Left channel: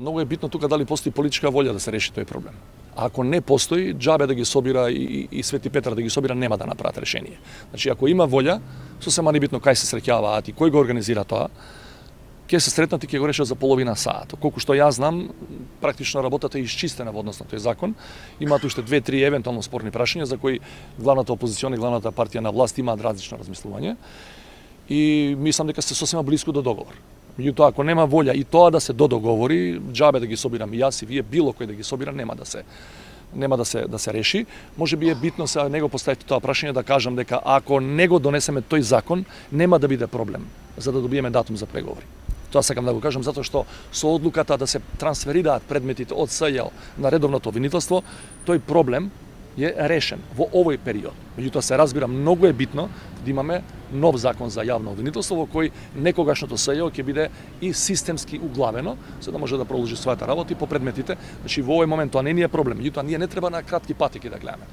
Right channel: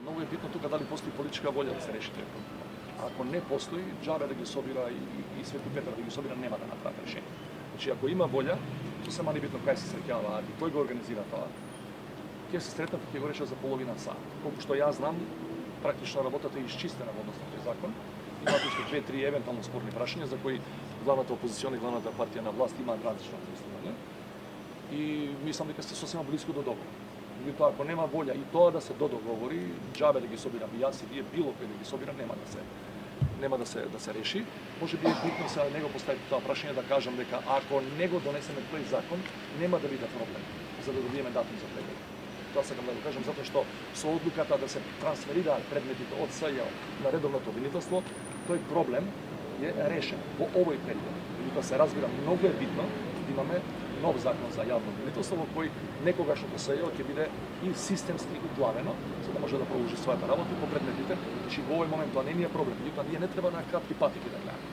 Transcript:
Mnogo je bitno тука дали постои политичка волја да се реши тој проблем. А ако не постои, џабе да ги собира и Свети Петар да ги собира, нема да направат решение. Значи, ако има волја, сосема небитно кај се среќаваат и кој го организира тоа, ќе се сретнат и ќе го решат за половина саат. Колку што јас знам, практично работата е исчистена во однос на тој закон. Имаат уште 2-3 евентуално спорни прашања за кои главната опозициона и главната партија на власт имаат различно размислување. И мислам дека се сосема близко до договор. Меѓутоа, ако нема волја и тоа да се договори, џабе да ги собирам и јас и вие, било кој да ги собира, нема да се реши. Може би е битно сега него поставите тоа прашање да кажам дека ако не го донесеме тој закон, нема да биде проблем за да добиеме датум за преговори. Тоа сакам да го кажам затоа што со одлуката да се трансферираат предметите од СЈ на редовното обвинителство, тој проблем е решен во овој период. Меѓутоа се разбира, многу е битно да имаме нов закон за јавно обвинителство во кој некогашното СЈ ќе биде и системски углавено, за да може да продолжи својата работа и по предметите. Значи во овој момент тоа не ни е проблем, меѓутоа ние не треба на кратки патеки да гледаме.